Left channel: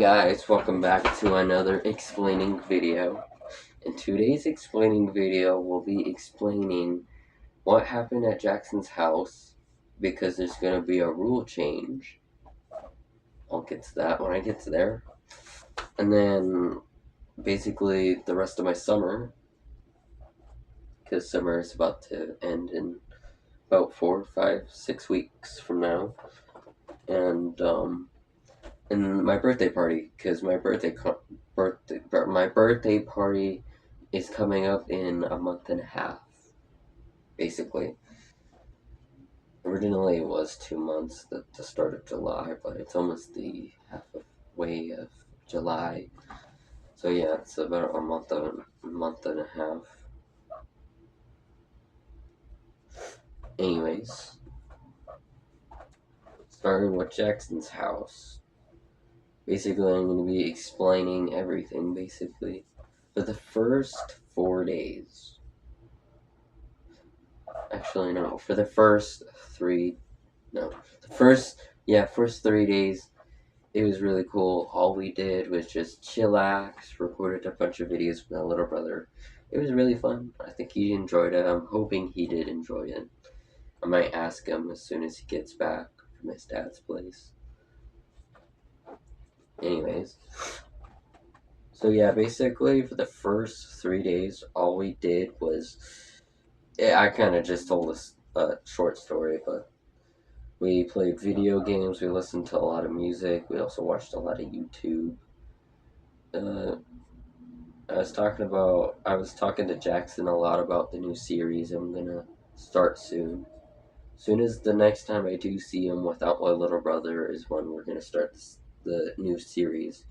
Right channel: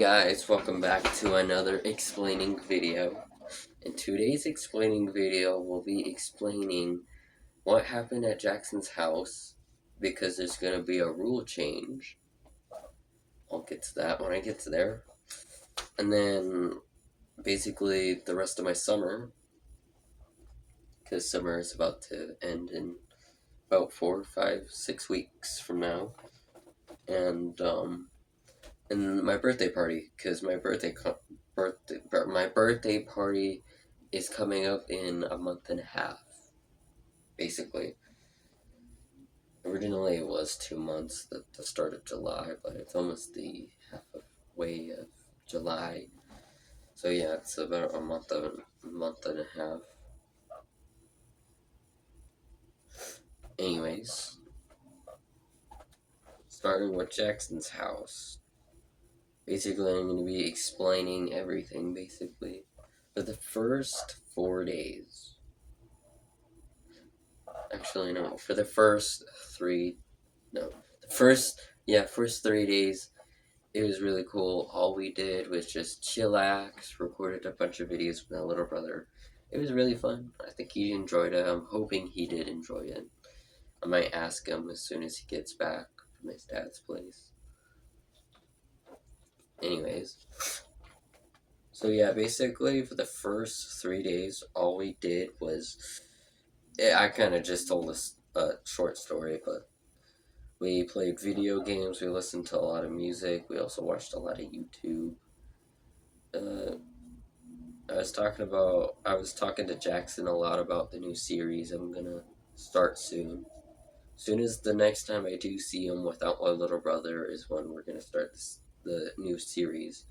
guys, welcome back to another explaining video. In today's explaining video, we'll be explaining what happened at Jackson's house because there's going to be a rule change. I'll get to that when I get to there. And then basically the rest of my summer, because summer is about to end in about 4, 5, 6 weeks from now. And my birthday party, because my birthday party is coming up in a month and a half, basically. Originally, it was 2 months, at the start of July, but it's almost the halfway of July. So yeah, it's about a month and a half. Anyways, starting with Jackson's house. Basically, I'm going to be explaining everything, basically. For the first 4 days. Actually, no. For the first 3... No. First 3 days, it was really cool. All we did was just chillax, recorded a bunch of videos with my little brother. It was really fun. I think he enjoyed it. I'm hoping he did enjoy it. I might ask him as soon as he gets back from his dad's place. Anyways. So yeah, basically for the first 3 days, all we did was... I kind of just told a short story, but we played video games, we listened to a lot of music, we also watched a lot of YouTube. I was talking to Jackson a lot about the new series I'm gonna start soon. Soon as the next time I do see him without my little brother is when we're gonna start the new series,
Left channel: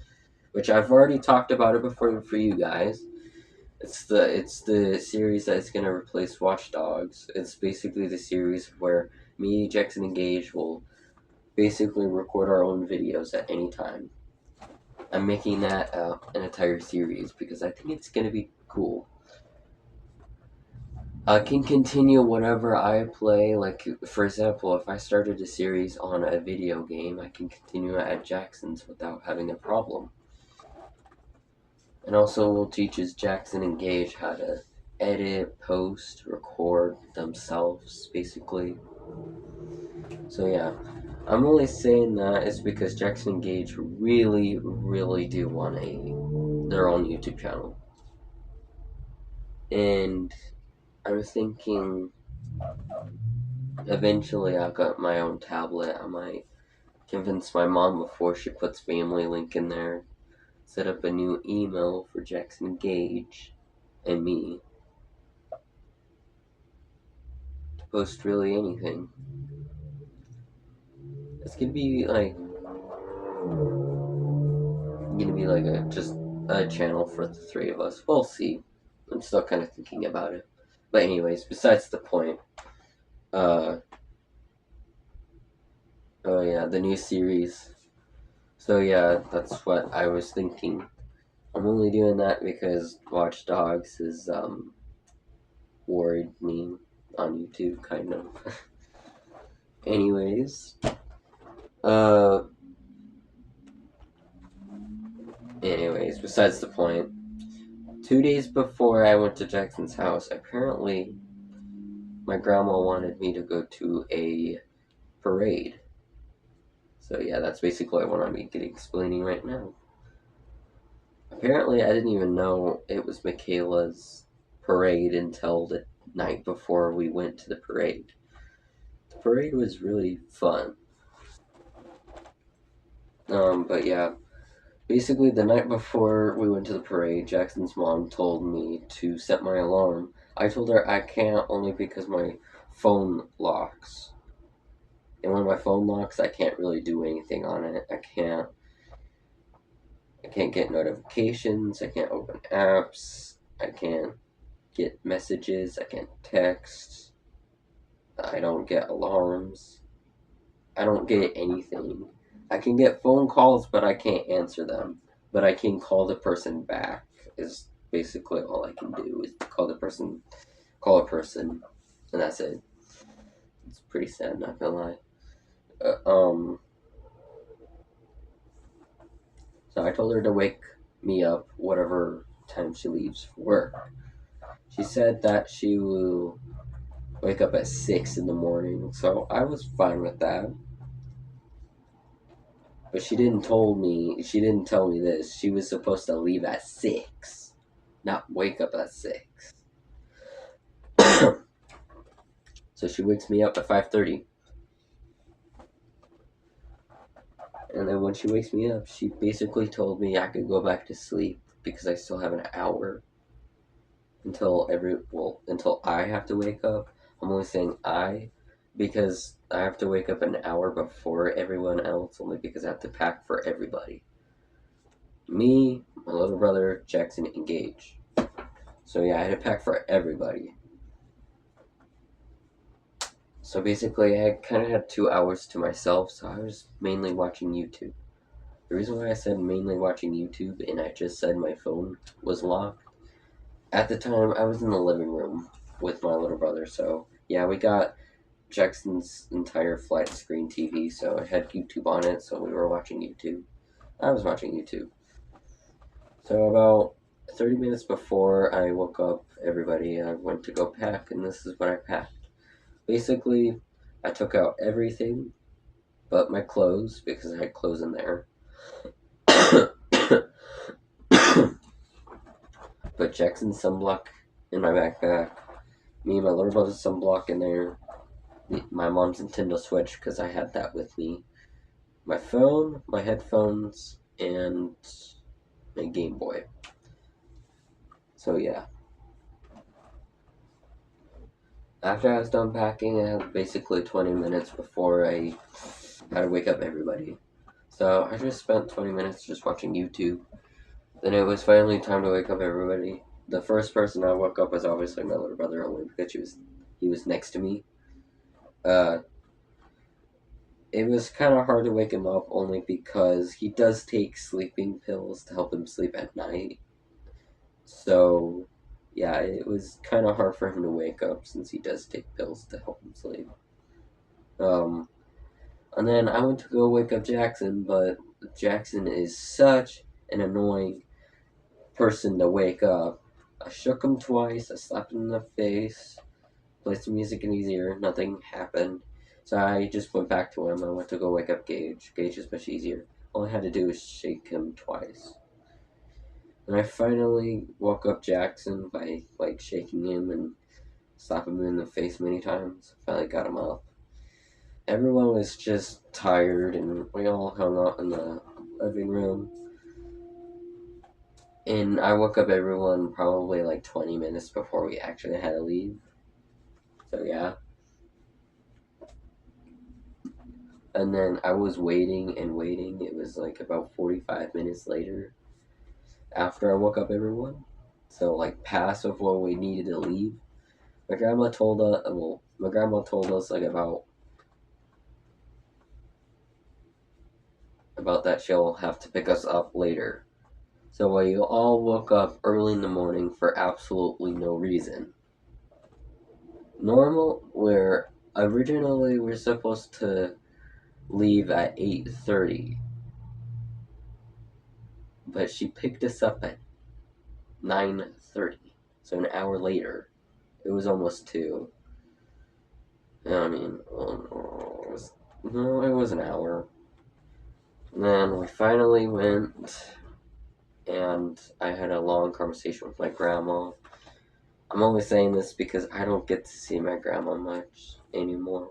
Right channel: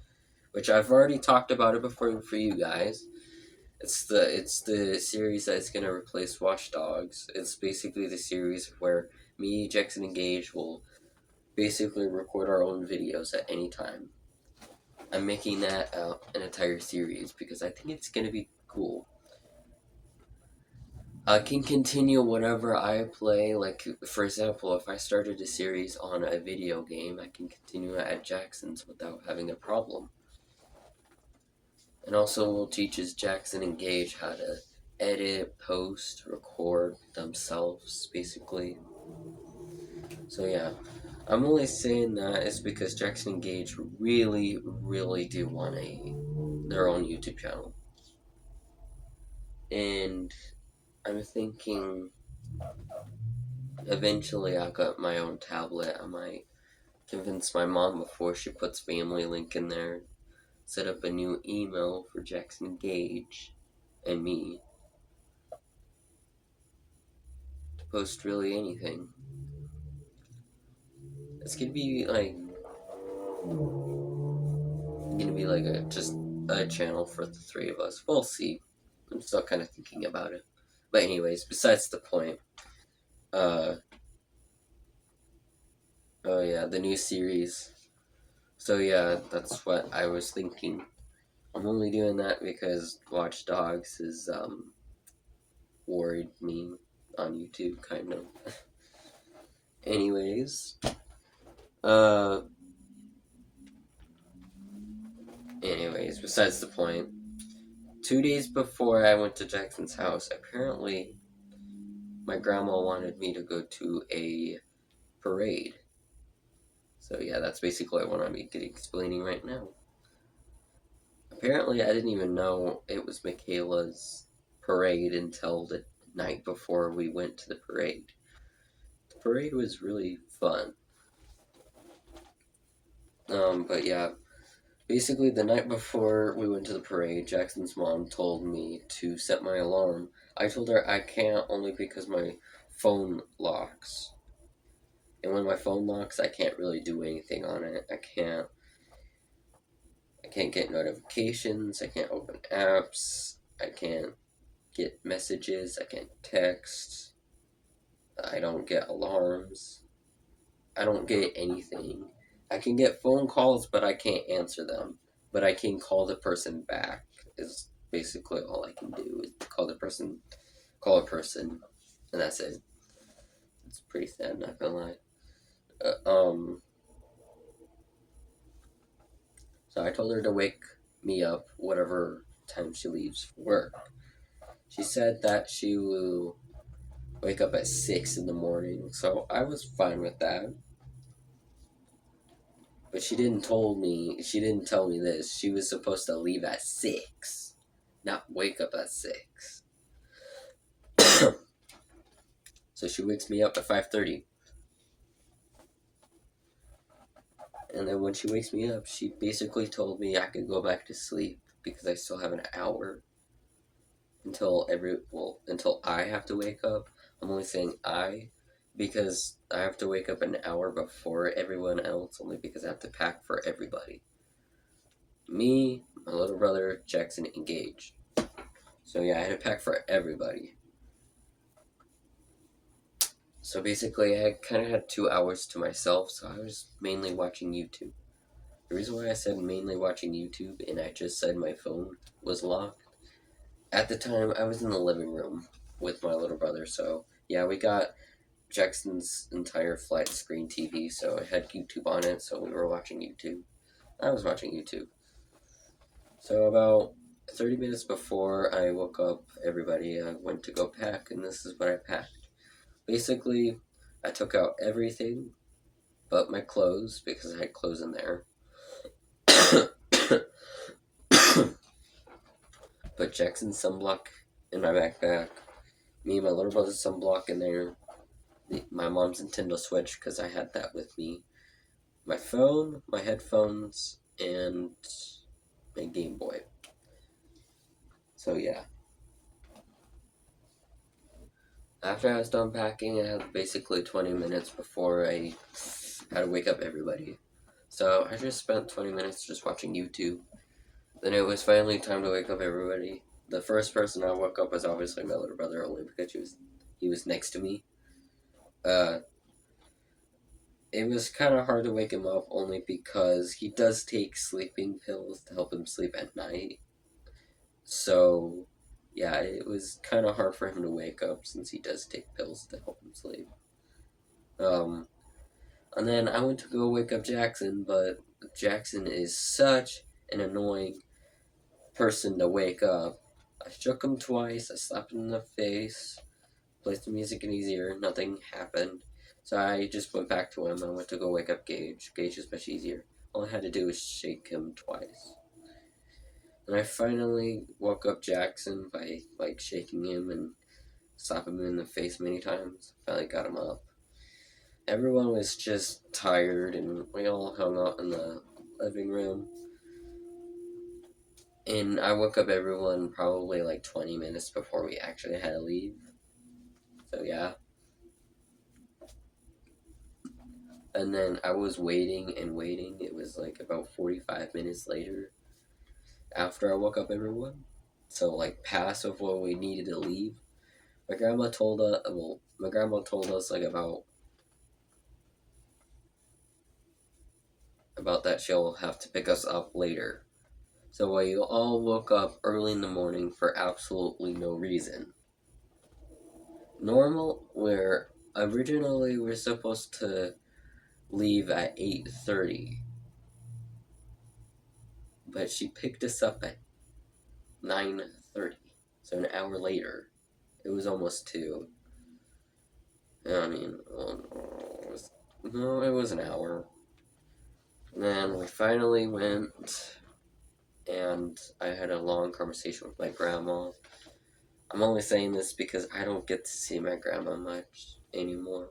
which I've already talked about it before for you guys. It's the series that's gonna replace Watch Dogs. It's basically the series where me, Jackson, and Gage will basically record our own videos at any time. I'm making that an entire series because I think it's gonna be cool. I can continue whatever I play. Like, for example, if I started a series on a video game, I can continue it at Jackson's without having a problem. And also teaches Jackson and Gage how to edit, post, record themselves, basically. So yeah, I'm only saying that is because Jackson and Gage really, really do want their own YouTube channel. And I'm thinking eventually I got my own tablet. I might convince my mom before she puts Family Link in there, set up a new email for Jackson Gage and me to post really anything. It's gonna be like just a channel for the three of us. We'll see. I'm still kind of thinking about it. But anyways, besides the point. Oh yeah, the new series. So yeah, that's what I was thinking. I'm only doing that because Watch Dogs has worried me on YouTube, kind of. Anyways, uh, besides the point. 2 days before I went to Jackson's house, apparently my grandma wanted me to go to a parade. So yeah, that's basically what I'm explaining right now. Apparently, I didn't even know it was Michaela's parade until the night before we went to the parade. The parade was really fun. But yeah, basically the night before we went to the parade, Jackson's mom told me to set my alarm. I told her I can't only because my phone locks. And when my phone locks, I can't really do anything on it. I can't get notifications, I can't open apps, I can't get messages, I can't text, I don't get alarms, I don't get anything. I can get phone calls, but I can't answer them. But I can call the person back, is basically all I can do, is call a person, and that's it. It's pretty sad, not gonna lie. So So I told her to wake me up whatever time she leaves for work. She said that she will wake up at 6 in the morning, so I was fine with that. But she didn't tell me this. She was supposed to leave at 6, not wake up at 6. So she wakes me up at 5:30. And then when she wakes me up, she basically told me I could go back to sleep because I still have an hour until I have to wake up. I'm only saying I because I have to wake up an hour before everyone else, only because I have to pack for everybody. Me, my little brother, Jackson, and Gage. So yeah, I had to pack for everybody. So basically, I kind of had 2 hours to myself, so I was mainly watching YouTube. The reason why I said mainly watching YouTube and I just said my phone was locked, at the time I was in the living room with my little brother, so yeah, we got Jackson's entire flat screen TV, so I had YouTube on it, so we were watching YouTube. I was watching YouTube. So about 30 minutes before I woke up everybody, I went to go pack, and this is what I packed. Basically, I took out everything but my clothes because I had clothes in there. Put Jackson's sunblock in my backpack. Me and my little brother's sunblock in there. My mom's Nintendo Switch because I had that with me. My phone, my headphones, and my Game Boy. So yeah. After I was done packing, I had basically 20 minutes before I had to wake up everybody. So I just spent 20 minutes just watching YouTube. Then it was finally time to wake up everybody. The first person I woke up was obviously my little brother, only because he was next to me. Uh, it was kind of hard to wake him up only because he does take sleeping pills to help him sleep at night. So, yeah, it was kind of hard for him to wake up since he does take pills to help him sleep. Um, and then I went to go wake up Jackson, but Jackson is such an annoying person to wake up. I shook him twice, I slapped him in the face, played some music in his ear, nothing happened. So I just went back to him. I went to go wake up Gage. Gage is much easier. All I had to do was shake him twice. And I finally woke up Jackson by like shaking him and slapping him in the face many times. Finally got him up. Everyone was just tired and we all hung out in the living room. And I woke up everyone probably like 20 minutes before we actually had to leave. So yeah. And then I was waiting and waiting. It was like about 45 minutes later after I woke up everyone. So like past of what we needed to leave. My grandma told us like about that she'll have to pick us up later. So we all woke up early in the morning for absolutely no reason. Normal, where originally we're supposed to leave at 8:30, but she picked us up at 9:30, so an hour later. It was almost 2. I mean, well, it was an hour. And then we finally went, and I had a long conversation with my grandma. I'm only saying this because I don't get to see my grandma much anymore.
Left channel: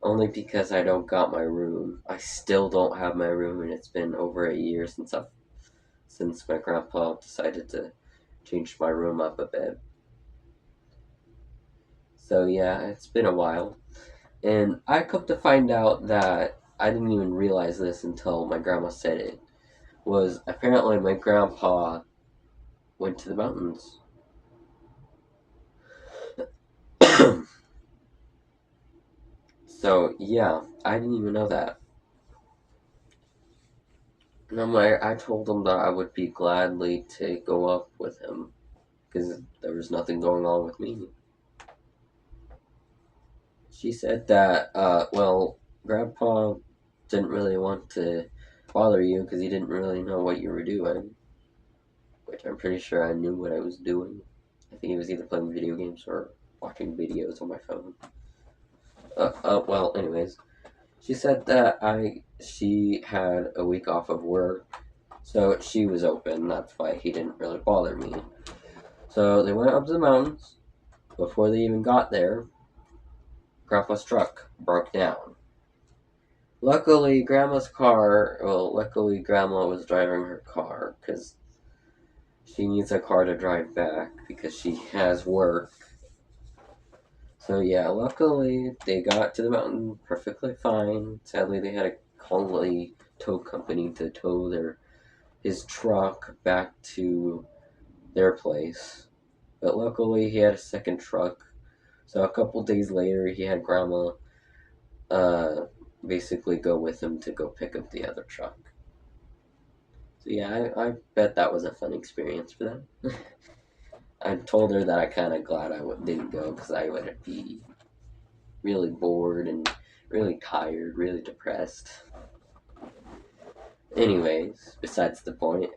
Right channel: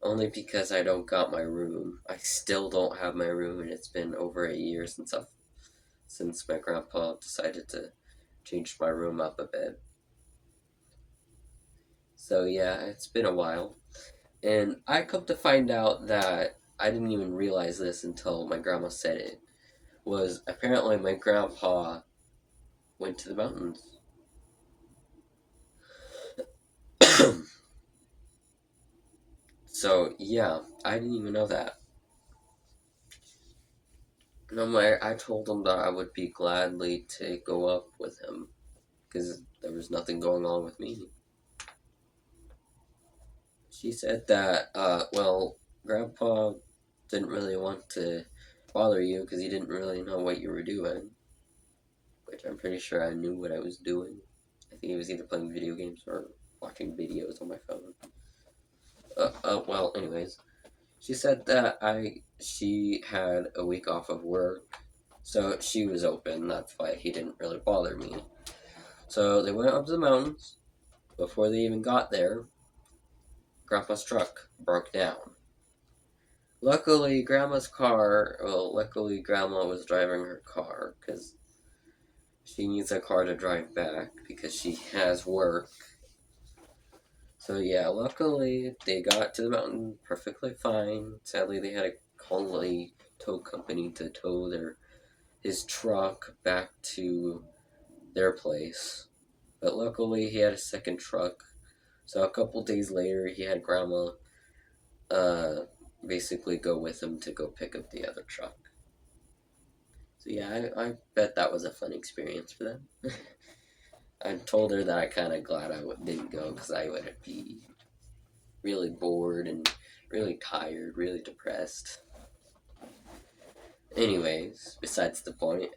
Only because I don't got my room. I still don't have my room, and it's been over a year since my grandpa decided to change my room up a bit. So yeah, it's been a while. And I come to find out that I didn't even realize this until my grandma said it. Was apparently my grandpa went to the mountains. So yeah, I didn't even know that. And I told him that I would be gladly to go up with him because there was nothing going on with me. She said that, well, Grandpa didn't really want to bother you because he didn't really know what you were doing. Which I'm pretty sure I knew what I was doing. I think he was either playing video games or watching videos on my phone. Well, anyways, she said that she had a week off of work, so she was open. That's why he didn't really bother me. So they went up to the mountains. Before they even got there, Grandpa's truck broke down. Luckily, Grandma was driving her car because she needs a car to drive back because she has work. So yeah, luckily they got to the mountain perfectly fine. Sadly, they had to call a tow company to tow his truck back to their place. But luckily, he had a second truck. So a couple days later, he had Grandma basically go with him to go pick up the other truck. So yeah, I bet that was a fun experience for them. I told her that I kind of glad didn't go because I would be really bored and really tired, really depressed. Anyways, besides the point,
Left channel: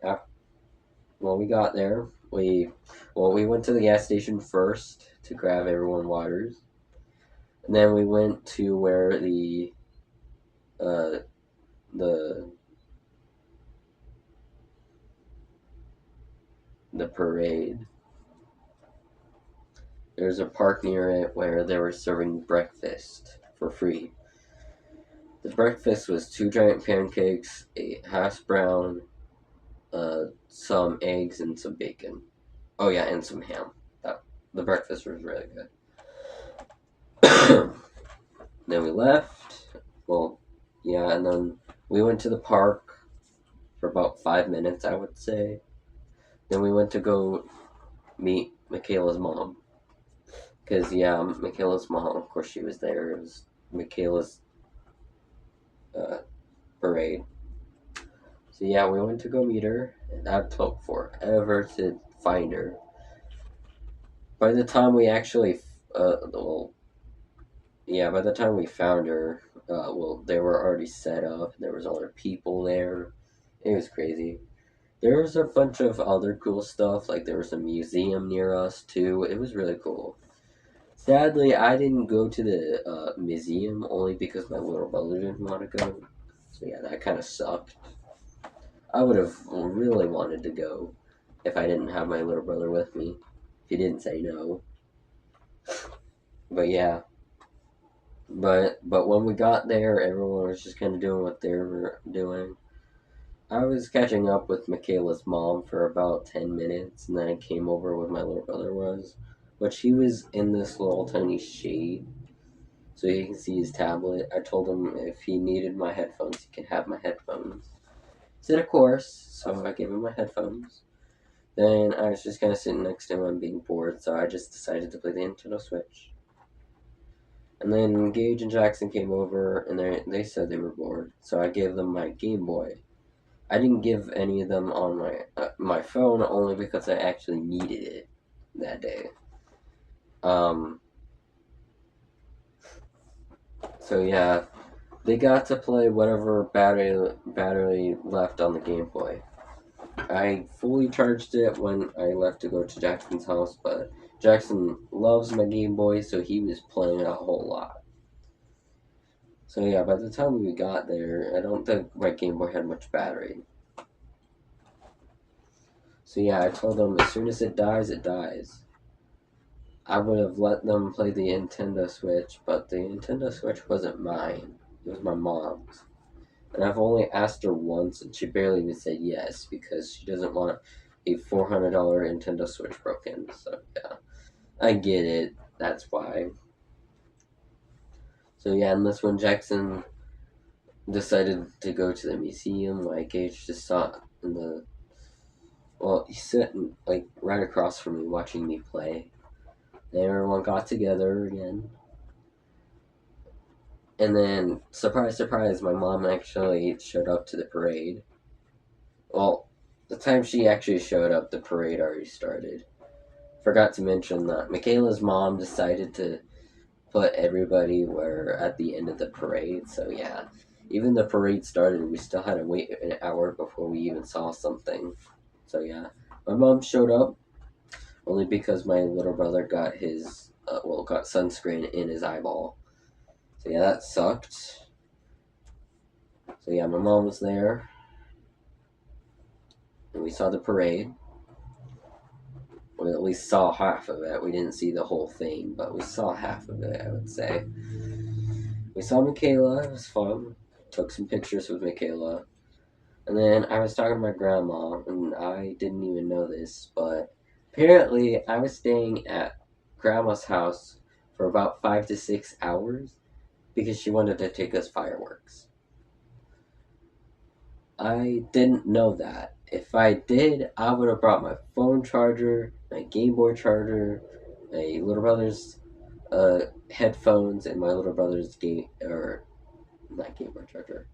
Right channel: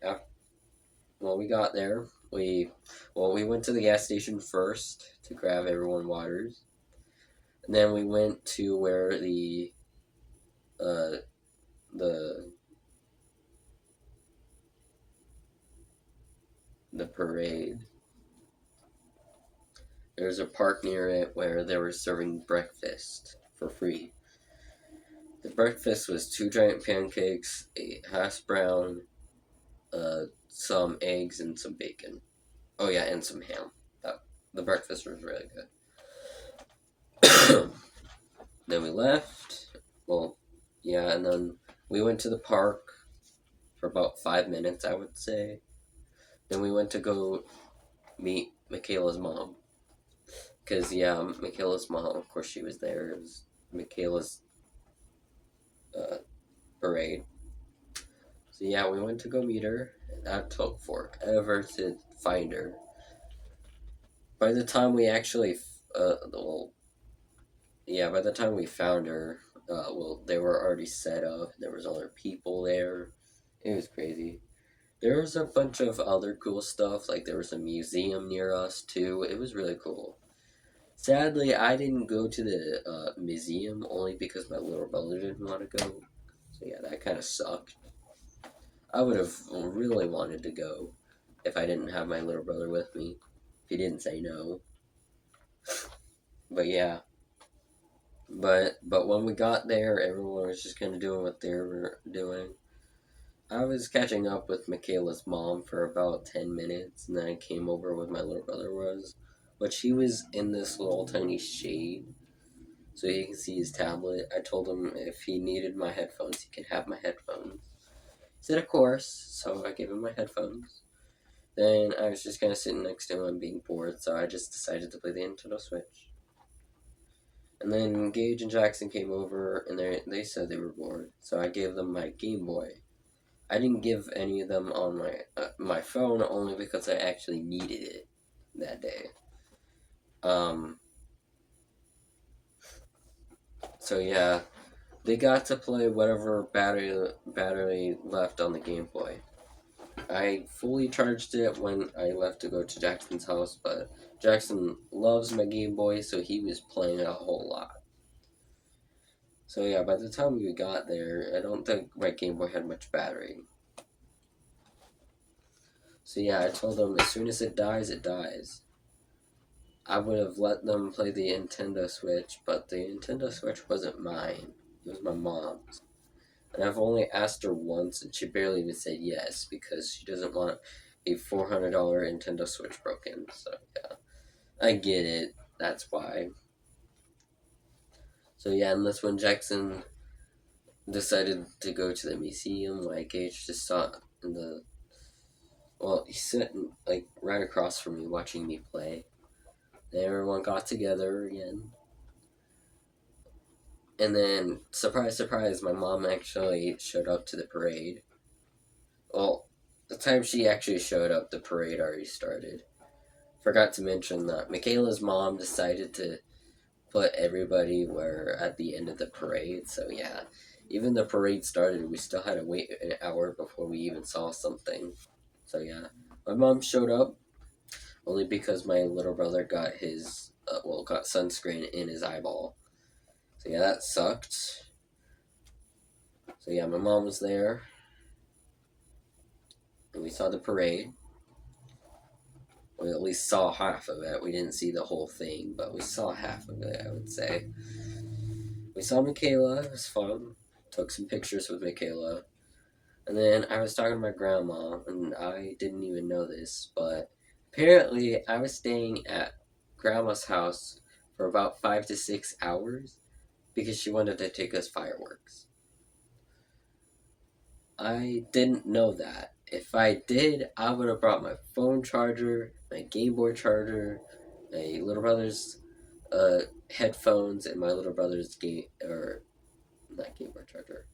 when we got there, we went to the gas station first to grab everyone waters, and then we went to where uh the the parade. There's a park near it where they were serving breakfast for free. The breakfast was 2 giant pancakes, a hash brown, some eggs, and some bacon. Oh yeah, and some ham. The breakfast was really good. Then we left. Well, yeah, and then we went to the park for about 5 minutes, I would say. Then we went to go meet Michaela's mom. Because, yeah, Michaela's mom, of course, she was there. It was Michaela's parade. So, yeah, we went to go meet her. And that took forever to find her. By the time we actually, by the time we found her, they were already set up. There was other people there. It was crazy. There was a bunch of other cool stuff, like there was a museum near us too. It was really cool. Sadly, I didn't go to the museum only because my little brother didn't want to go. So yeah, that kind of sucked. I would have really wanted to go if I didn't have my little brother with me. He didn't say no. But yeah, but when we got there, everyone was just kind of doing what they were doing. I was catching up with Michaela's mom for about 10 minutes, and then I came over where my little brother was. But she was in this little tiny shade, so you can see his tablet. I told him if he needed my headphones, he could have my headphones. He said, of course, so I gave him my headphones. Then I was just kind of sitting next to him and being bored, so I just decided to play the Nintendo Switch. And then Gage and Jackson came over, and they said they were bored, so I gave them my Game Boy. I didn't give any of them on my phone only because I actually needed it that day. So yeah, they got to play whatever battery left on the Game Boy. I fully charged it when I left to go to Jackson's house, but Jackson loves my Game Boy, so he was playing a whole lot. So yeah, by the time we got there, I don't think my Game Boy had much battery. So yeah, I told them as soon as it dies, it dies. I would have let them play the Nintendo Switch, but the Nintendo Switch wasn't mine. It was my mom's. And I've only asked her once, and she barely even said yes because she doesn't want a $400 Nintendo Switch broken. So yeah, I get it. That's why. So yeah, and this one, Jackson decided to go to the museum. Like Gage just saw in the. Well, he's sitting like right across from me, watching me play. And everyone got together again. And then, surprise, surprise, my mom actually showed up to the parade. Well, the time she actually showed up, the parade already started. Forgot to mention that Michaela's mom decided to put everybody where at the end of the parade. So yeah, Even the parade started, we still had to wait an hour before we even saw something. So yeah, my mom showed up only because my little brother got his got sunscreen in his eyeball. So yeah, that sucked. So yeah, my mom was there, and we saw the parade. We at least saw half of it. We didn't see the whole thing, but we saw half of it, I would say. We saw Michaela. It was fun. Took some pictures with Michaela. And then I was talking to my grandma, and I didn't even know this, but apparently I was staying at grandma's house for about 5 to 6 hours because she wanted to take us fireworks. I didn't know that. If I did, I would have brought my phone charger, my Game Boy charger, my little brother's headphones, and my little brother's game or not Game Boy charger,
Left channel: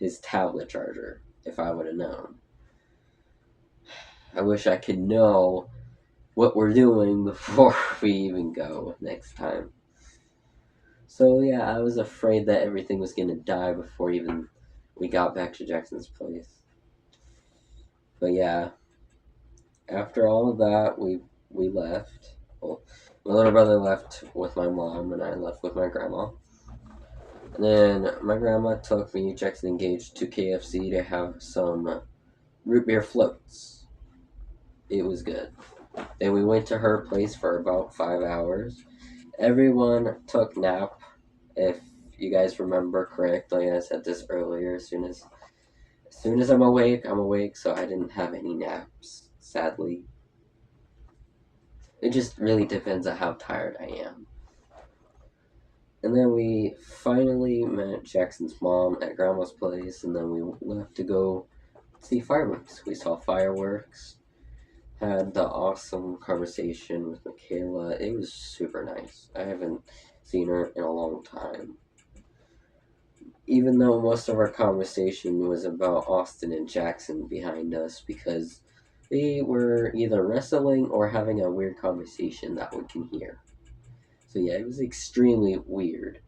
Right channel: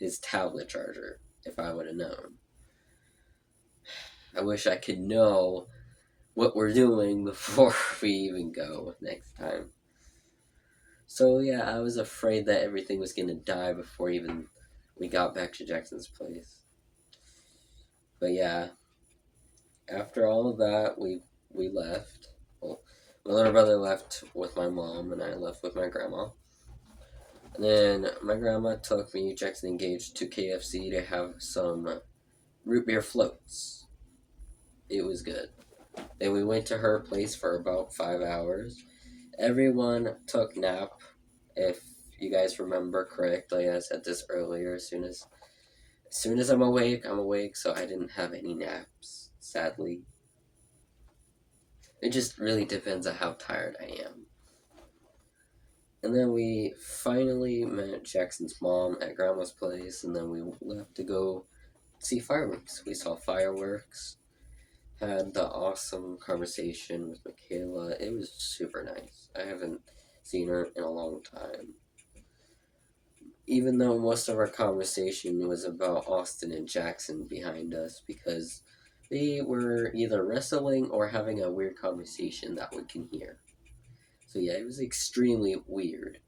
his tablet charger. If I would have known, I wish I could know what we're doing before we even go next time. So yeah, I was afraid that everything was gonna die before even we got back to Jackson's place. But yeah, after all of that, we left. Well, my little brother left with my mom, and I left with my grandma. And then my grandma took me, Jackson engaged, to KFC to have some root beer floats. It was good. Then we went to her place for about 5 hours. Everyone took nap. If you guys remember correctly, I said this earlier. As soon as I'm awake, I'm awake. So I didn't have any naps, sadly. It just really depends on how tired I am. And then we finally met Jackson's mom at grandma's place, and then we left to go see fireworks. We saw fireworks, had the awesome conversation with Michaela. It was super nice. I haven't seen her in a long time. Even though most of our conversation was about Austin and Jackson behind us because they were either wrestling or having a weird conversation that we can hear. So yeah, it was extremely weird.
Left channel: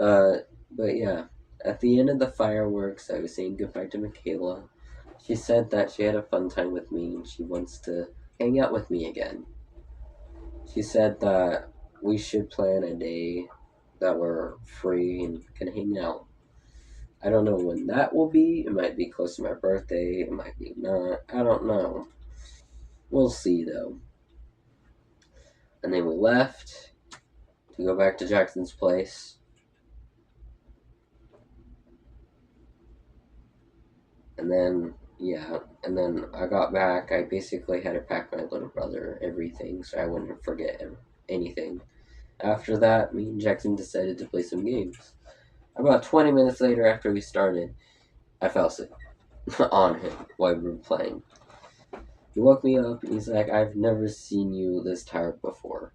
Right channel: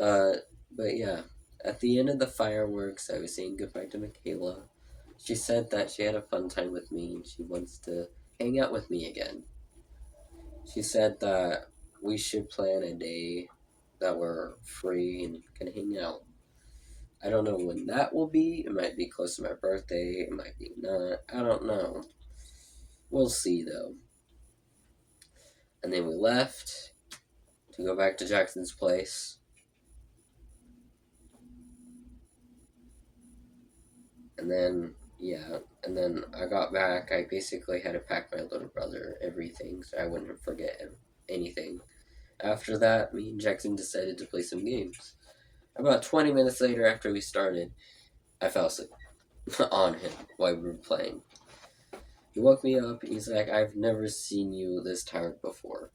Uh, but yeah, at the end of the fireworks, I was saying goodbye to Michaela. She said that she had a fun time with me and she wants to hang out with me again. She said that we should plan a day that we're free and can hang out. I don't know when that will be. It might be close to my birthday. It might be not. I don't know. We'll see though. And then we left to go back to Jackson's place. And then, yeah. And then I got back. I basically had to pack my little brother everything so I wouldn't forget anything. After that, me and Jackson decided to play some games. About 20 minutes later, after we started, I fell asleep on him while we were playing. He woke me up and he's like, I've never seen you this tired before.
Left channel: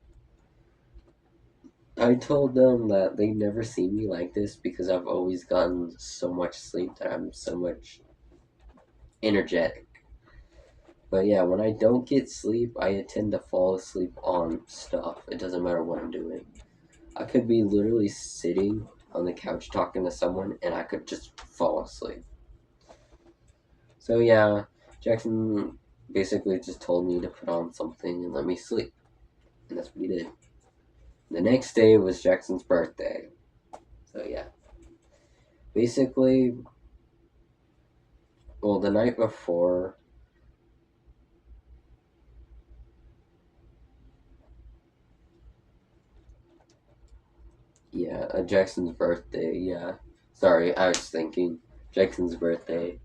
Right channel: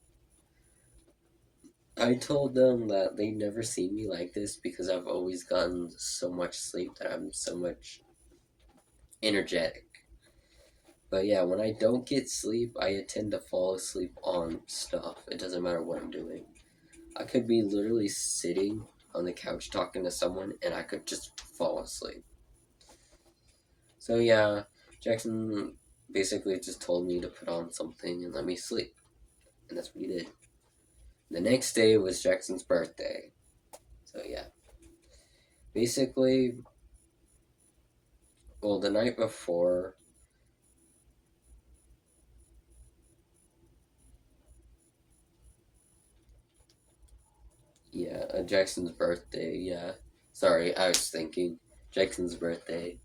I told them that they've never seen me like this because I've always gotten so much sleep that I'm so much energetic. But yeah, when I don't get sleep, I tend to fall asleep on stuff. It doesn't matter what I'm doing. I could be literally sitting on the couch talking to someone and I could just fall asleep. So yeah, Jackson basically just told me to put on something and let me sleep. And that's what he did. The next day was Jackson's birthday. So yeah. Basically, well, the night before, yeah, Jackson's birthday, yeah. Sorry, I was thinking. Jackson's birthday.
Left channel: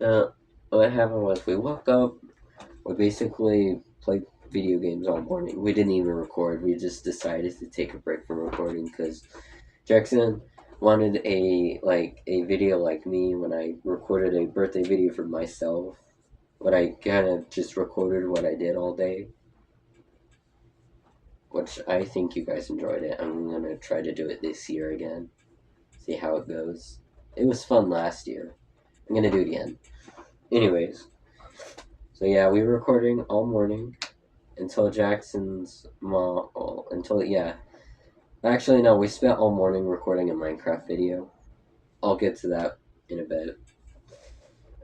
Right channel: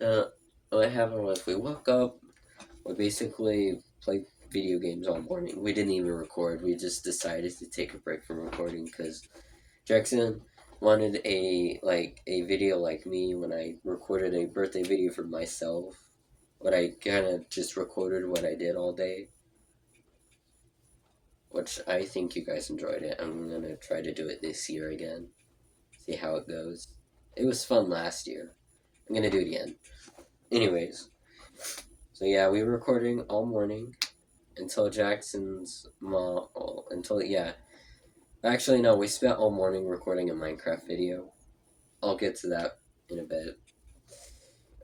Uh, what happened was we woke up, we basically played video games all morning. We didn't even record. We just decided to take a break from recording because Jackson wanted a video like me when I recorded a birthday video for myself. But I kind of just recorded what I did all day, which I think you guys enjoyed it. I'm gonna try to do it this year again, see how it goes. It was fun last year. I'm gonna do it again. Anyways, so yeah, we were recording all morning until Jackson's mom. Well, until yeah, actually no, we spent all morning recording a Minecraft video. I'll get to that in a bit.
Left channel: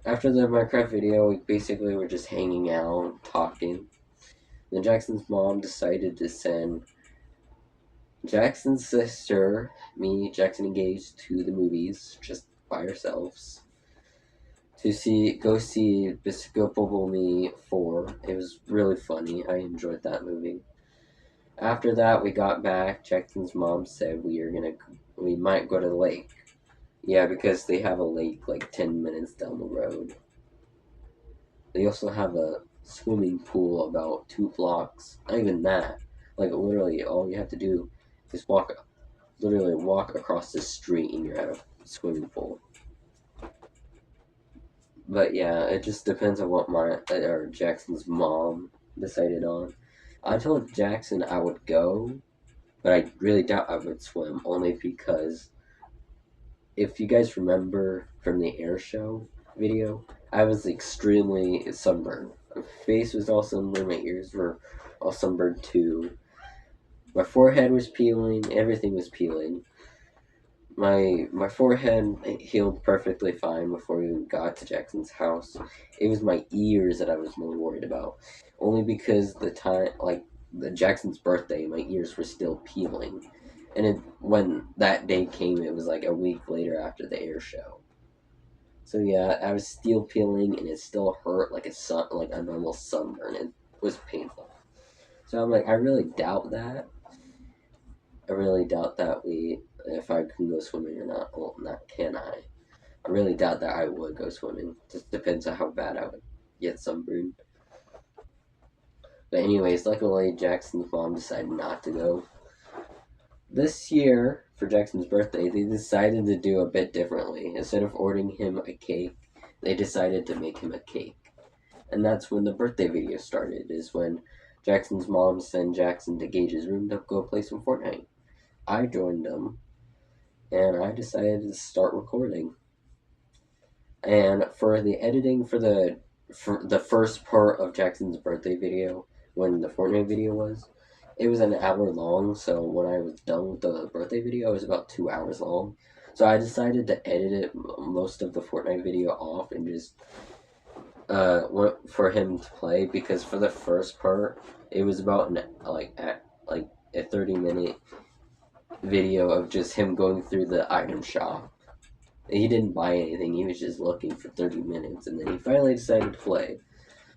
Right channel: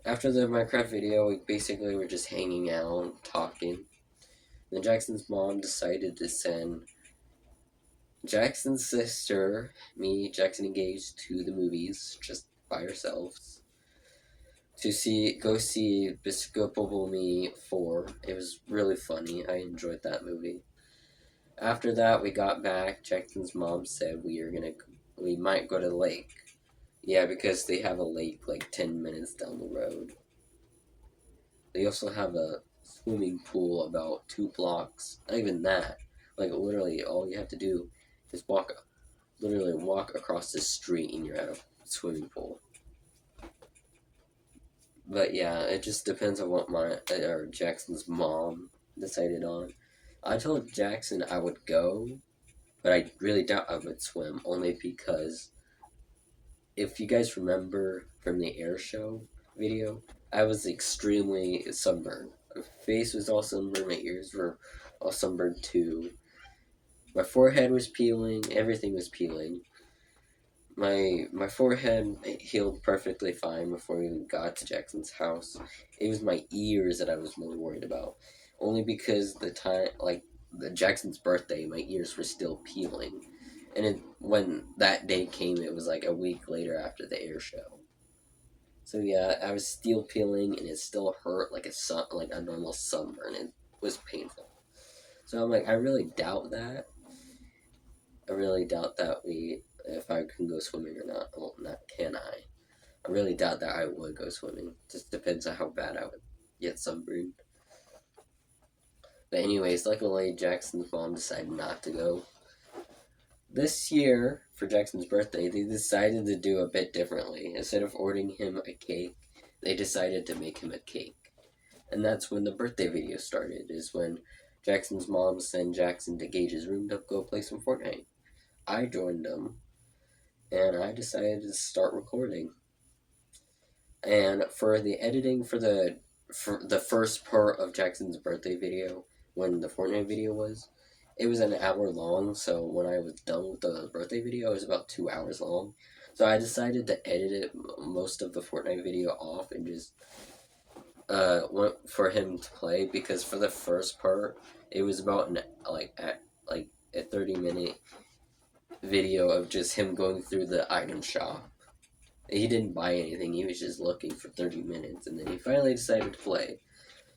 After the Minecraft video, we basically were just hanging out, talking. Then Jackson's mom decided to send Jackson's sister, me, Jackson engaged, to the movies just by ourselves to go see Despicable Me 4. It was really funny. I enjoyed that movie. After that, we got back. Jackson's mom said we might go to the lake. Yeah, because they have a lake like 10 minutes down the road. They also have a swimming pool about 2 blocks. Not even that. Like literally, all you have to do is literally walk across the street, and you're at a swimming pool. But yeah, it just depends on what Jackson's mom decided on. I told Jackson I would go, but I really doubt I would swim, only because if you guys remember from the air show video, I was extremely sunburned. My face was all sunburned, my ears were all sunburned too. My forehead was peeling, everything was peeling. My forehead healed perfectly fine before we even got to Jackson's house. It was my ears that I was more worried about, only because the Jackson's birthday, my ears were still peeling, and when that day came, it was like a week later after the air show. So yeah, I was still peeling, and it still hurt like a normal sunburn. It was painful. So I'm like, I really doubt that. I really doubt that if I can go swimming or not. Well, not can I. I really doubt that I would go swimming. Just depends on how bad I would get sunburned. But anyways, luckily Jackson's mom decided not to go. This year, for Jackson's birthday, they decided to do a bit differently. Instead of ordering him a cake, they decided to make him a cake. And that's when the birthday video started, is when Jackson's mom sent Jackson to Gage's room to go play some Fortnite. I joined them, and I decided to start recording. And for the editing for the first part of Jackson's birthday video, when the Fortnite video was, it was an hour long. So when I was done with the birthday video, it was about 2 hours long. So I decided to edit most of the Fortnite video off and just for him to play, because for the first part, it was about a 30-minute video of just him going through the item shop. He didn't buy anything, he was just looking for 30 minutes, and then he finally decided to play.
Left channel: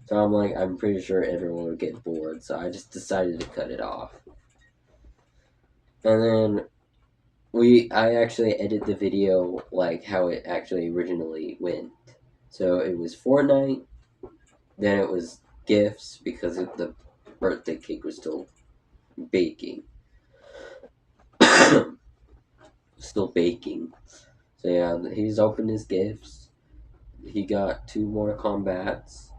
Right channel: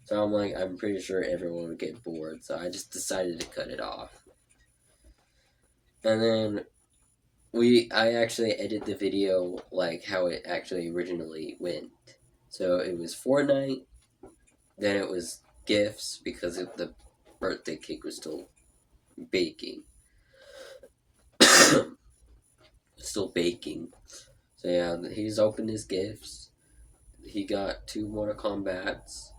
So I'm like, I'm pretty sure everyone would get bored, so I just decided to cut it off. And then I actually edited the video like how it actually originally went. So it was Fortnite, then it was gifts, because the birthday cake was still baking. Still baking. So yeah, he's opened his gifts. He got 2 Mortal Kombats.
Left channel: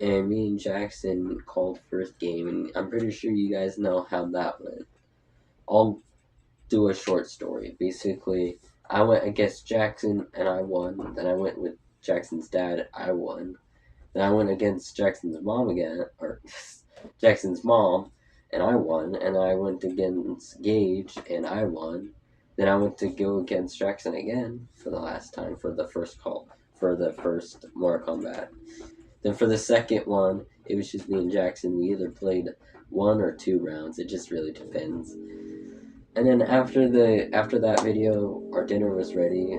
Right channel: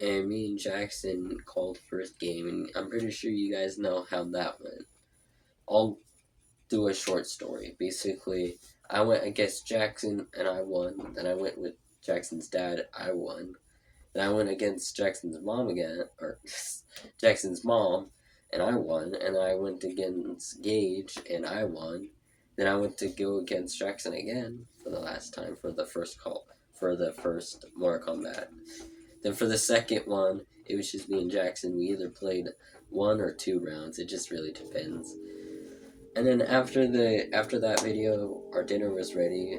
And me and Jackson called first game, and I'm pretty sure you guys know how that went. I'll do a short story. Basically, I went against Jackson and I won. Then I went with Jackson's dad, I won. Then I went against Jackson's mom again, or Jackson's mom, and I won. And I went against Gage, and I won. Then I went to go against Jackson again for the last time for the first Mortal Kombat. Then for the second one, it was just me and Jackson. We either played 1 or 2 rounds. It just really depends. And then after that video, our dinner was ready.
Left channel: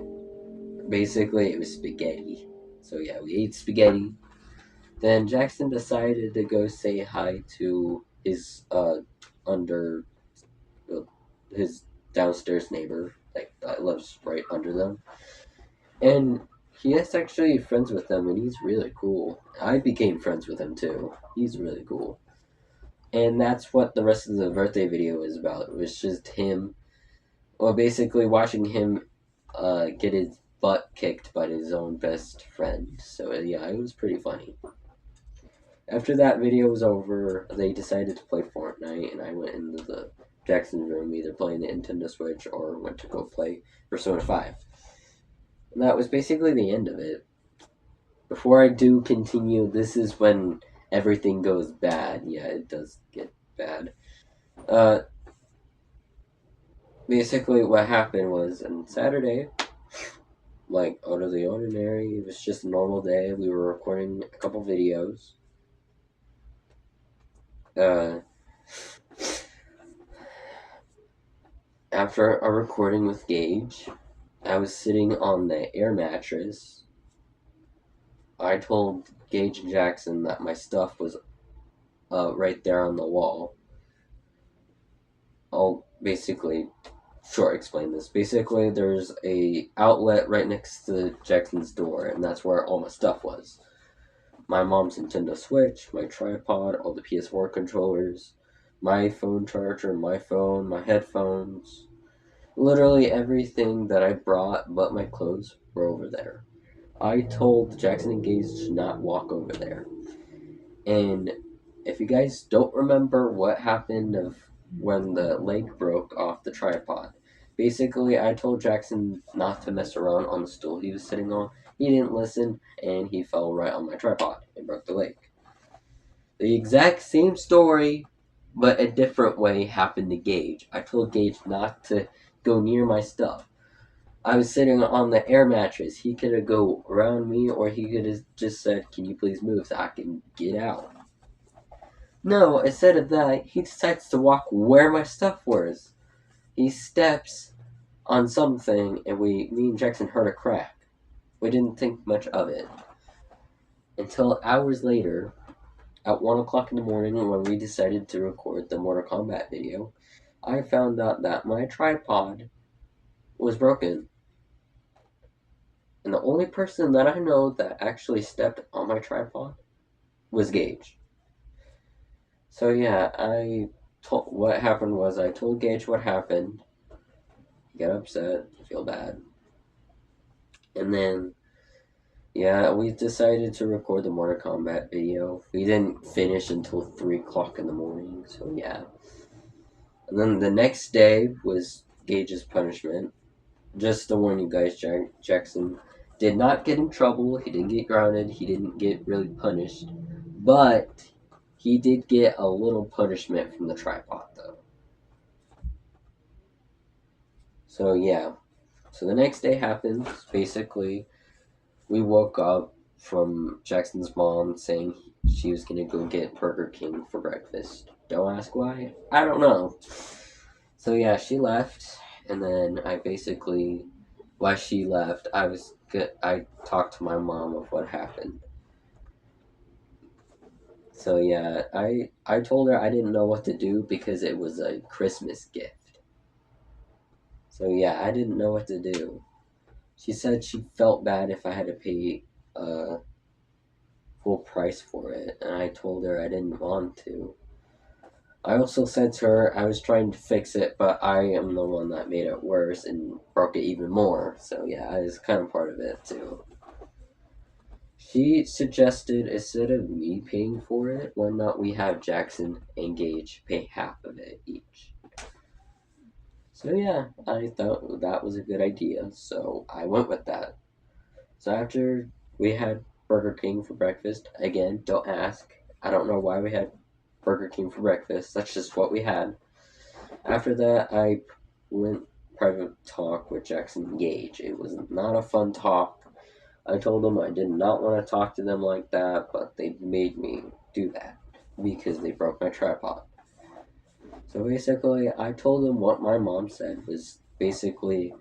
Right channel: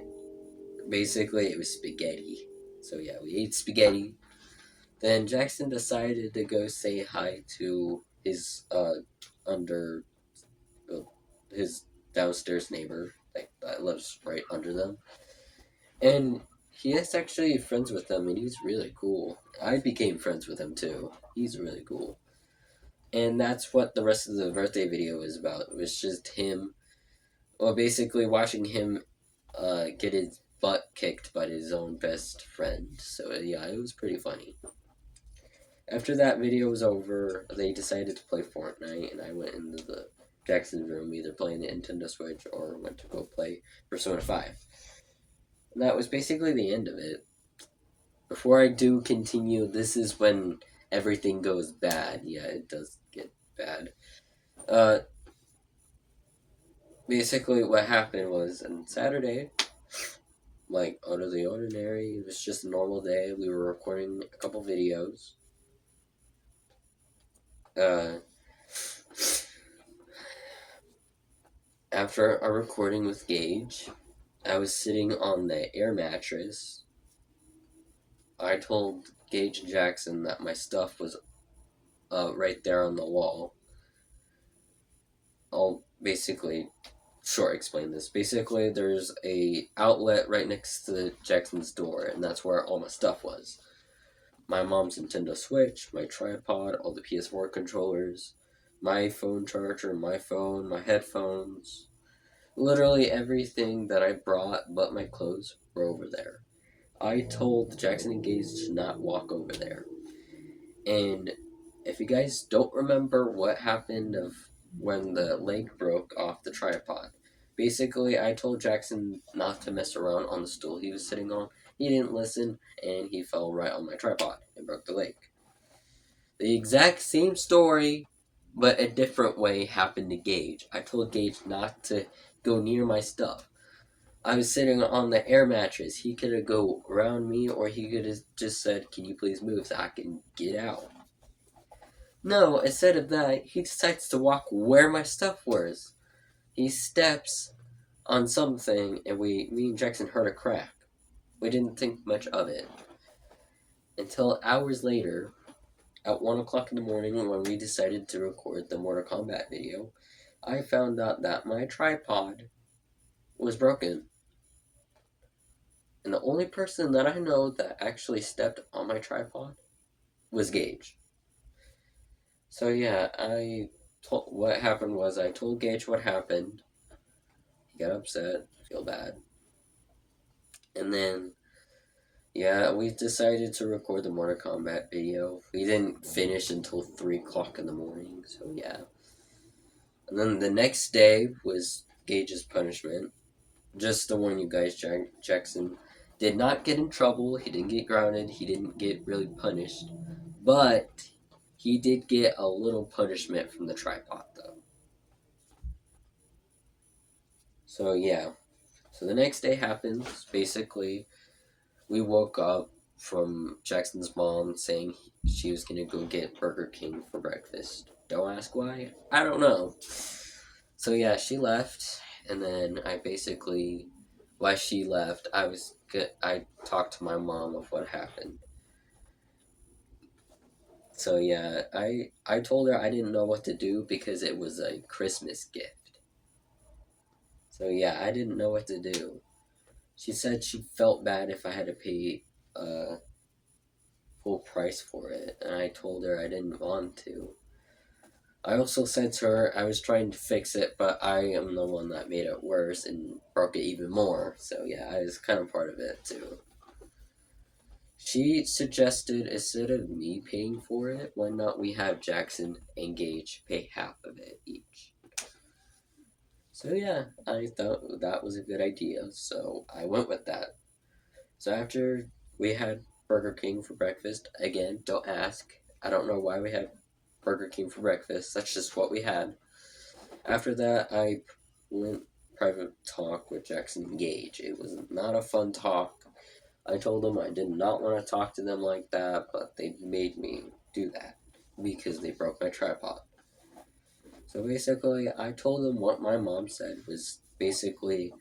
Basically, it was spaghetti. So yeah, we ate spaghetti. Then Jackson decided to go say hi to his his downstairs neighbor that lives right under them, and he is actually friends with them, and he's really cool. I became friends with him too. He's really cool. And that's what the rest of the birthday video is about. It was just him, well, basically watching him get his butt kicked by his own best friend. So yeah, it was pretty funny. After that video was over, they decided to play Fortnite, and I went into the Jackson room, either playing the Nintendo Switch or went to go play Persona 5. And that was basically the end of it. Before I do continue, this is when everything goes bad. Yeah, it does get bad. basically what happened was on Saturday, like out of the ordinary, it was just a normal day. We were recording a couple videos. Uh, After a recording with Gage, I was sitting on the air mattress. I told Gage and Jackson that my stuff was right there on the wall. I'll basically short explain this. Basically, there's a outlet right next to Jackson's door, and that's where all my stuff was. My mom's Nintendo Switch, my tripod, all the PS4 controllers, my phone charger, my phone, my headphones. Literally everything that I brought but my clothes were over there. I told Jackson and Gage to not walk over there. And if you guys don't remember what happened of when the leg broke off the tripod, basically I told Jackson not to mess around on the stool he was sitting on. He didn't listen and he fell right on my tripod and broke the leg. The exact same story, but a different way happened to Gage. I told Gage not to go near my stuff. I was sitting on the air mattress. He could have go around me, or he could have just said, "Can you please move so I can get out?" No, instead of that, he decides to walk where my stuff was. He steps on something, and me and Jackson heard a crack. We didn't think much of it until hours later, at 1 o'clock in the morning, when we decided to record the Mortal Kombat video. I found out that my tripod was broken. And the only person that I know that actually stepped on my tripod was Gage. So yeah, what happened was I told Gage what happened. He got upset, feel bad. And then yeah, we decided to record the Mortal Kombat video. We didn't finish until 3 o'clock in the morning, so yeah. And then the next day was Gage's punishment. Just to warn you guys, Jackson did not get in trouble. He didn't get grounded. He didn't get really punished. But he did get a little punishment from the tripod, though. So, yeah. So, the next day happens. Basically, we woke up from Jackson's mom saying she was going to go get Burger King for breakfast. Don't ask why. I don't know. So, yeah, she left. And then I basically, while she left, I talked to my mom of what happened. So yeah, I told her I didn't know what to do because it was a Christmas gift. So yeah, I didn't know what to do. She said she felt bad if I had to pay a full price for it, and I told her I didn't want to. I also said to her I was trying to fix it, but I am the one that made it worse and broke it even more. So yeah, I was kind of part of it too. She suggested instead of me paying for it, why not we have Jackson and Gage pay half of it each? So yeah, I thought that was a good idea, so I went with that. So after we had Burger King for breakfast, again, don't ask. I don't know why we had Burger King for breakfast. That's just what we had. After that, I went private talk with Jackson Gage. It was not a fun talk. I told them I did not want to talk to them like that, but they made me do that because they broke my tripod. So basically, I told them what my mom said was basically,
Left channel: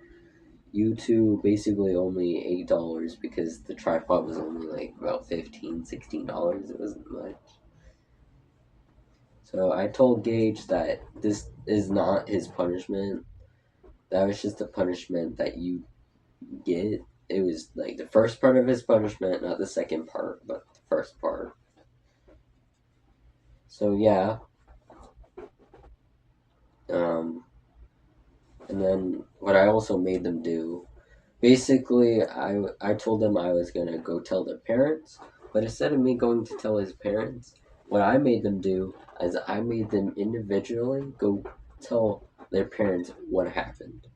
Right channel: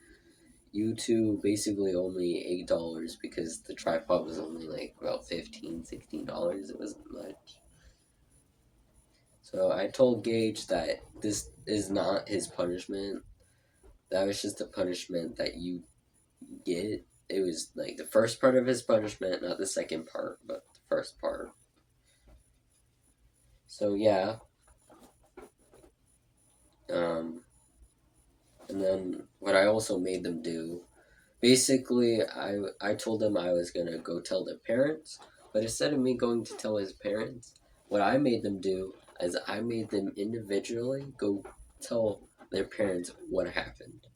you two basically owe me $8 because the tripod was only like about $15, $16. It wasn't much. So I told Gage that this is not his punishment. That was just the punishment that you get. It was like the first part of his punishment, not the second part, but the first part. So yeah. Um, and then what I also made them do, basically, I told them I was gonna go tell their parents, but instead of me going to tell his parents, what I made them do is I made them individually go tell their parents what happened.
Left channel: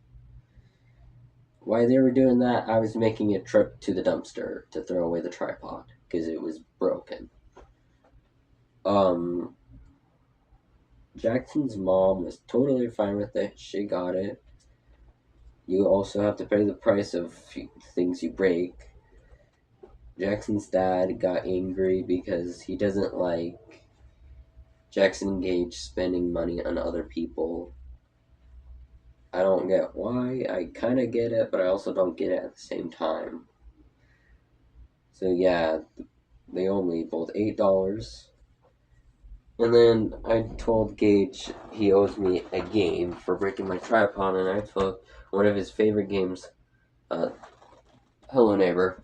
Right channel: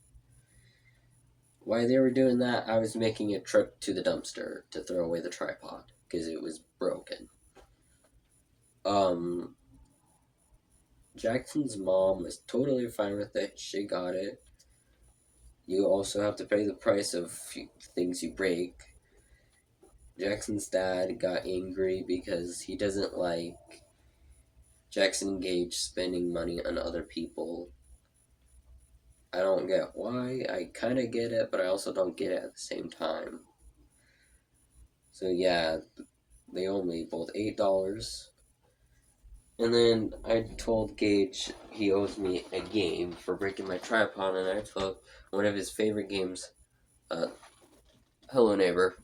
While they were doing that, I was making a trip to the dumpster to throw away the tripod because it was broken. Um, Jackson's mom was totally fine with it. She got it. you also have to pay the price of things you break. Jackson's dad got angry because he doesn't like Jackson Gage spending money on other people. I don't get why. I kind of get it, but I also don't get it at the same time. So yeah, they owe me both $8. And then I told Gage he owes me a game for breaking my tripod, and I took one of his favorite games, Hello Neighbor.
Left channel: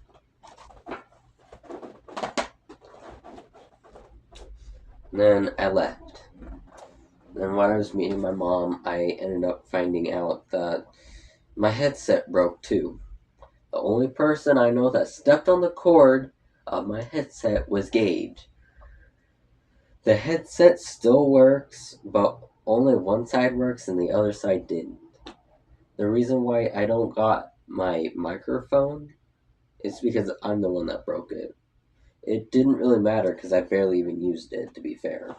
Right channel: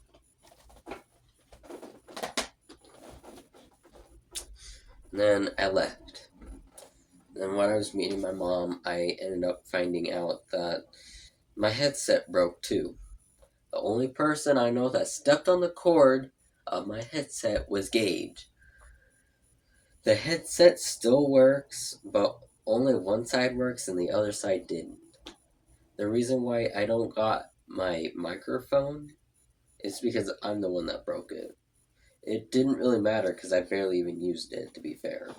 And then I left. And when I was meeting my mom, I ended up finding out that my headset broke too. The only person I know that stepped on the cord of my headset was Gage. The headset still works, but only one side works and the other side didn't. The reason why I don't got my microphone is because I'm the one that broke it. It didn't really matter because I barely even used it, to be fair.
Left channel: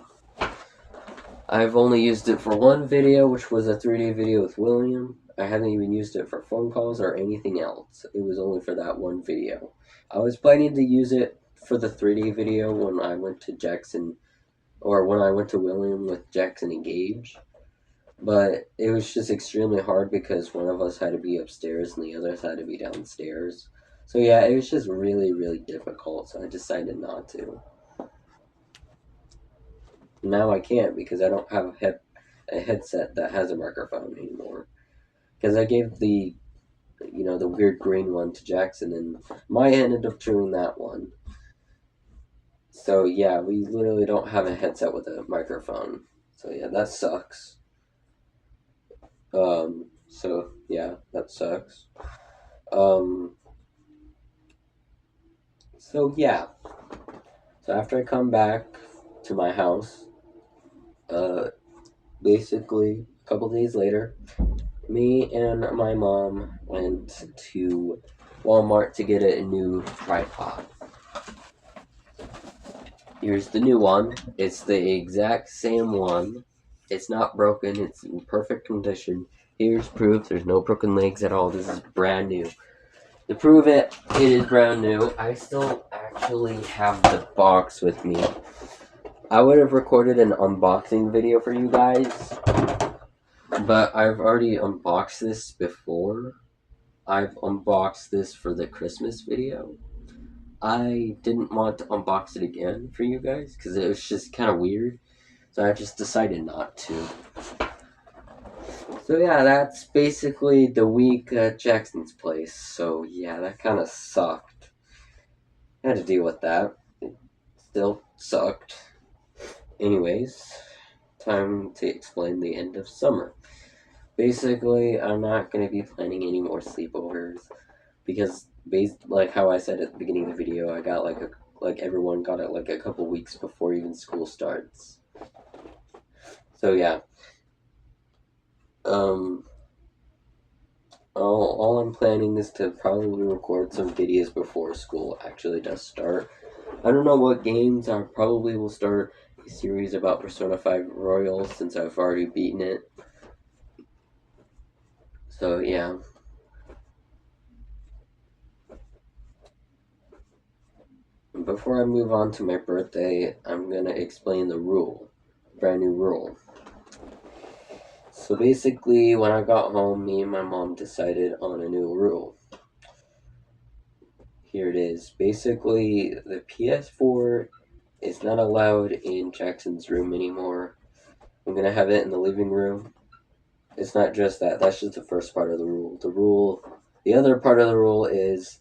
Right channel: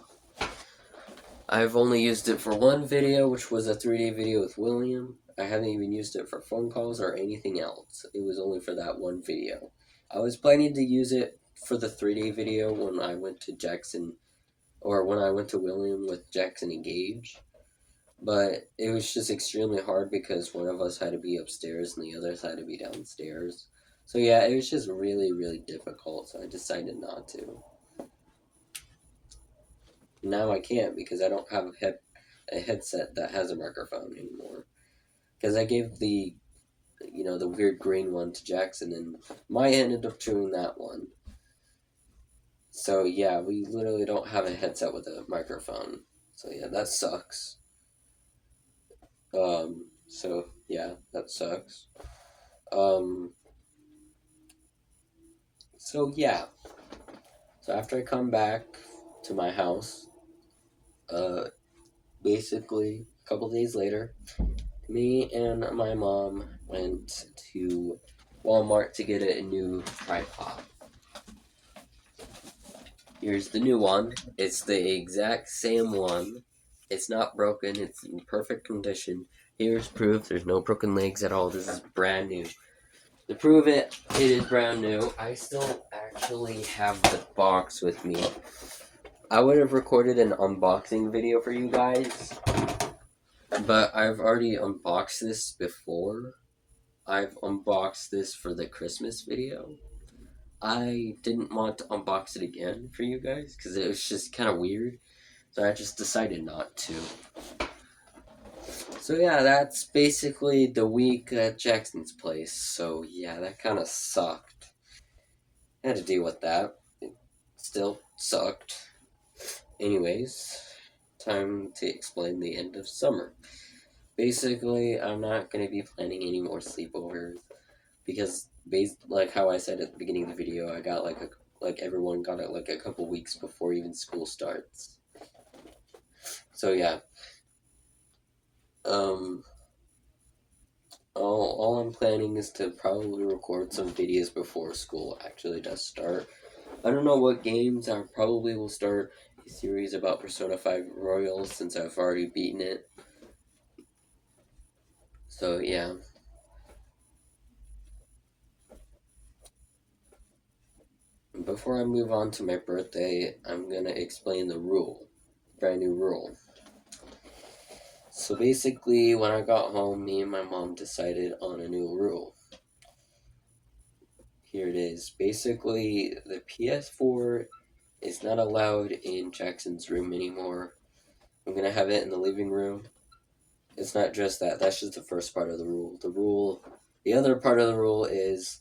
I've only used it for one video, which was a 3D video with William. I haven't even used it for phone calls or anything else. It was only for that one video. I was planning to use it for the 3D video when I went to Jackson, or when I went to William with Jackson and Gage. But it was just extremely hard because one of us had to be upstairs and the others had to be downstairs. So yeah, it was just really, really difficult. So I decided not to. Now I can't because I don't have a headset that has a microphone anymore. Because I gave the weird green one to Jackson, and Maya ended up chewing that one. So yeah, we literally don't have a headset with a microphone. So yeah, that sucks. So yeah, that sucks. Um, so yeah. So after I come back to my house, uh, basically a couple days later, me and my mom went to Walmart to get a new tripod. Here's the new one. It's the exact same one. It's not broken. It's in perfect condition. Here's proof. There's no broken legs at all. This is brand new. To prove it, it is brand new. I still actually have the box with me. I would have recorded an unboxing video for you guys, but I've already unboxed this before. I've unboxed this for the Christmas video. I didn't want to unbox it again for you guys because it was just kind of weird, so I just decided not to. So yeah, that's basically the week at Jackson's place. So yeah, that kind of sucked. I had to deal with that. It still sucked. Anyways, time to explain the end of summer. Basically, I'm not going to be planning any more sleepovers because, like how I said at the beginning of the video, I got like everyone got it like a couple weeks before even school starts. So yeah, all I'm planning is to probably record some videos before school actually does start. I don't know what games. I probably will start a series about Persona 5 Royal since I've already beaten it. So yeah. Before I move on to my birthday, I'm gonna explain the rule. Brand new rule. So basically, when I got home, me and my mom decided on a new rule. Here it is. Basically, the PS4 is not allowed in Jackson's room anymore. I'm gonna have it in the living room. It's not just that. That's just the first part of the rule. The other part of the rule is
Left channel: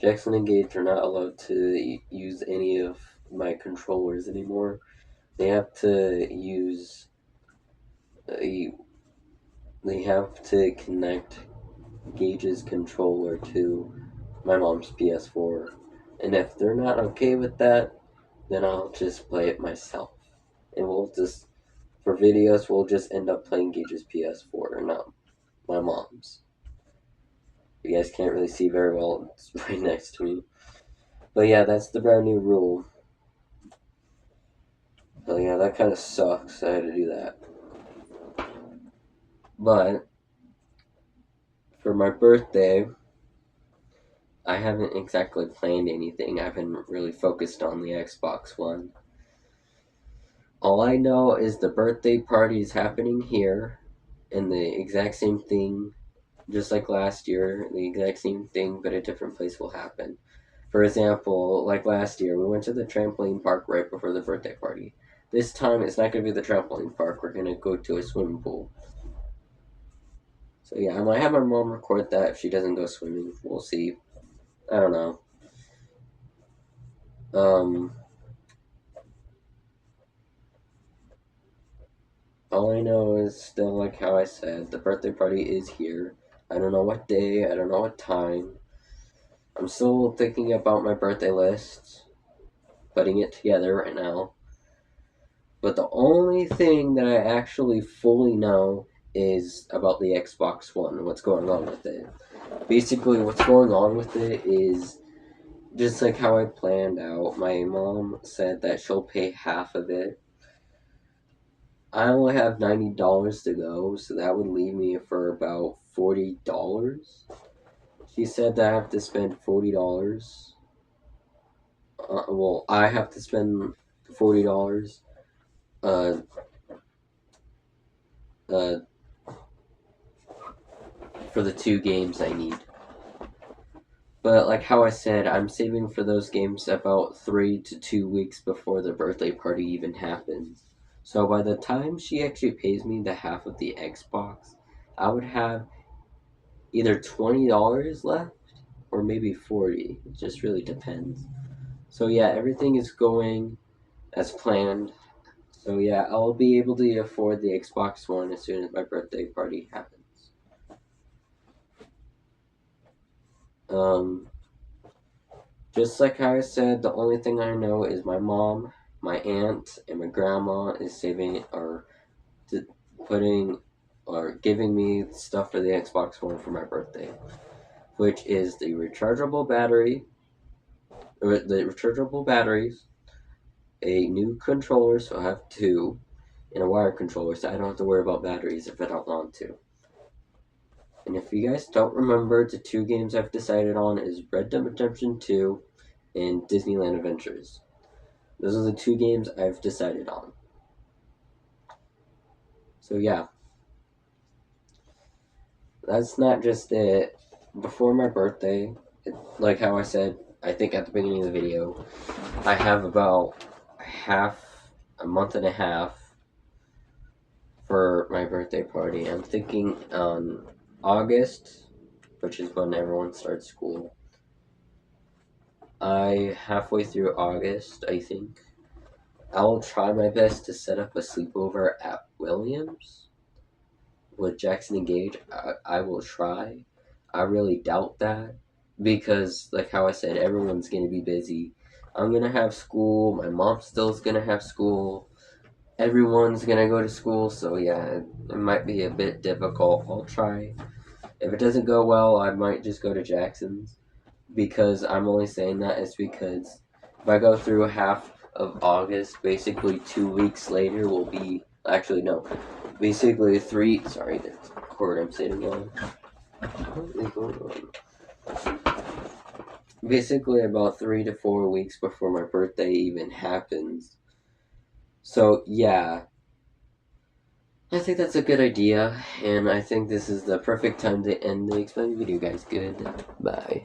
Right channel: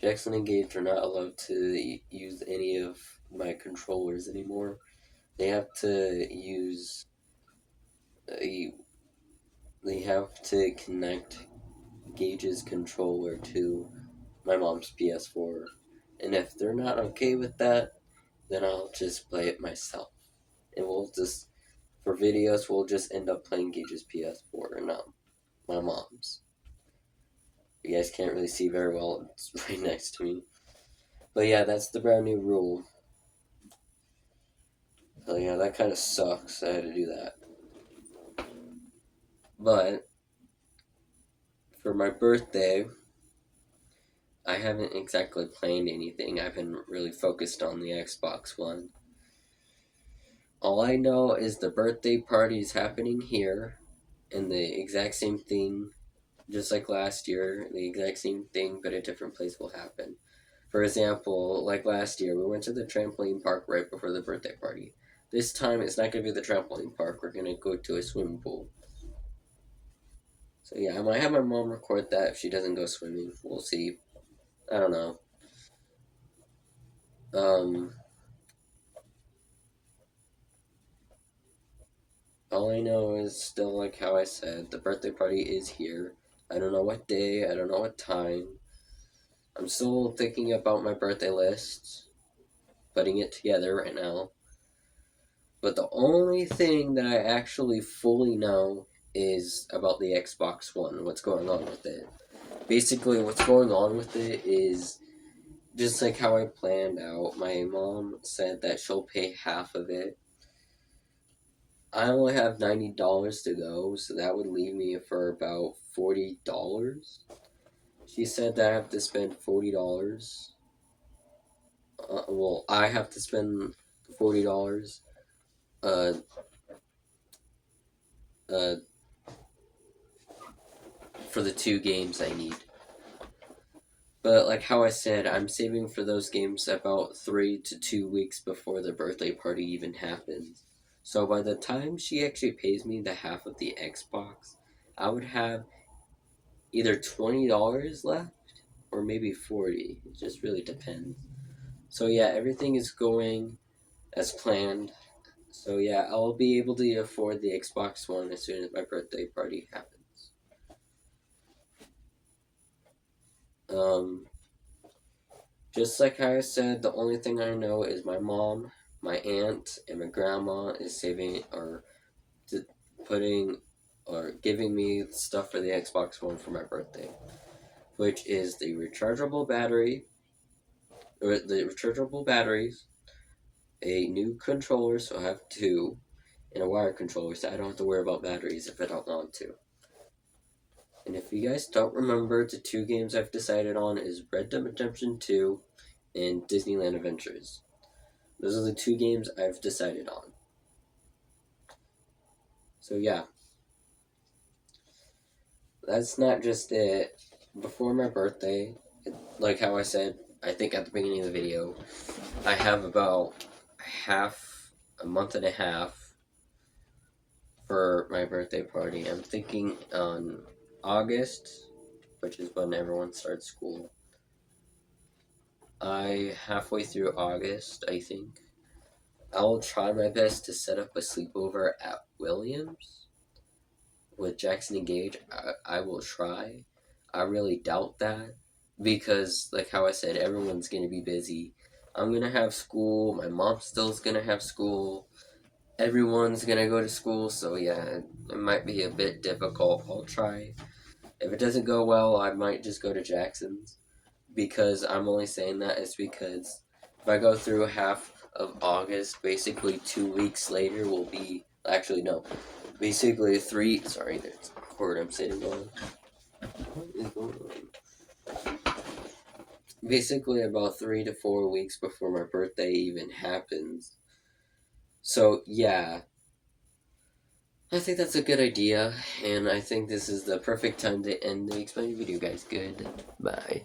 Jackson and Gage are not allowed to use any of my controllers anymore. They have to use they have to connect Gage's controller to my mom's PS4. And if they're not okay with that, then I'll just play it myself. And for videos, we'll just end up playing Gage's PS4 and not my mom's. You guys can't really see very well, it's right next to me. But yeah, that's the brand new rule. So yeah, that kind of sucks. I had to do that. But For my birthday, I haven't exactly planned anything. I haven't really focused on the Xbox One. All I know is the birthday party is happening here, and the exact same thing, just like last year, the exact same thing, but a different place will happen. For example, like last year, we went to the trampoline park right before the birthday party. This time, it's not going to be the trampoline park. We're going to go to a swimming pool. So yeah, I might have my mom record that if she doesn't go swimming. We'll see. I don't know. Um, all I know is still like how I said, the birthday party is here. I don't know what day, I don't know what time. I'm still thinking about my birthday list, putting it together right now. But the only thing that I actually fully know is about the Xbox One, what's going on with it. Basically, what's going on with it is just like how I planned out. My mom said that she'll pay half of it. I only have $90 to go, so that would leave me for about $40. She said that I have to spend $40. Well, I have to spend $40 uh, uh, for the 2 games I need. But like how I said, I'm saving for those games about 3 to 2 weeks before the birthday party even happens. So by the time she actually pays me the half of the Xbox, I would have either $20 left or maybe 40. It just really depends. So yeah, everything is going as planned. So yeah, I'll be able to afford the Xbox One as soon as my birthday party happens. Um, just like I said, the only thing I know is my mom, my aunt, and my grandma is saving or putting or giving me stuff for the Xbox One for my birthday, which is the rechargeable battery, or the rechargeable batteries, a new controller, so I have 2, and a wire controller, so I don't have to worry about batteries if I don't want to. And if you guys don't remember, the 2 games I've decided on is Red Dead Redemption 2 and Disneyland Adventures. Those are the 2 games I've decided on. So yeah, that's not just it. Before my birthday, like how I said, I think at the beginning of the video, I have about a month and a half for my birthday party. I'm thinking on August, which is when everyone starts school. Halfway through August, I think. I will try my best to set up a sleepover at Williams with Jackson and Gage. I will try. I really doubt that because, like how I said, everyone's gonna be busy. I'm gonna have school. My mom still's gonna have school. Everyone's gonna go to school, so yeah, it might be a bit difficult. I'll try. If it doesn't go well, I might just go to Jackson's. Because I'm only saying that is because if I go through half of August, basically 2 weeks later will be actually no, basically sorry, there's a cord I'm sitting on. What is going on? Basically about 3 to 4 weeks before my birthday even happens. So yeah, I think that's a good idea, and I think this is the perfect time to end the explain video, guys. Goodbye.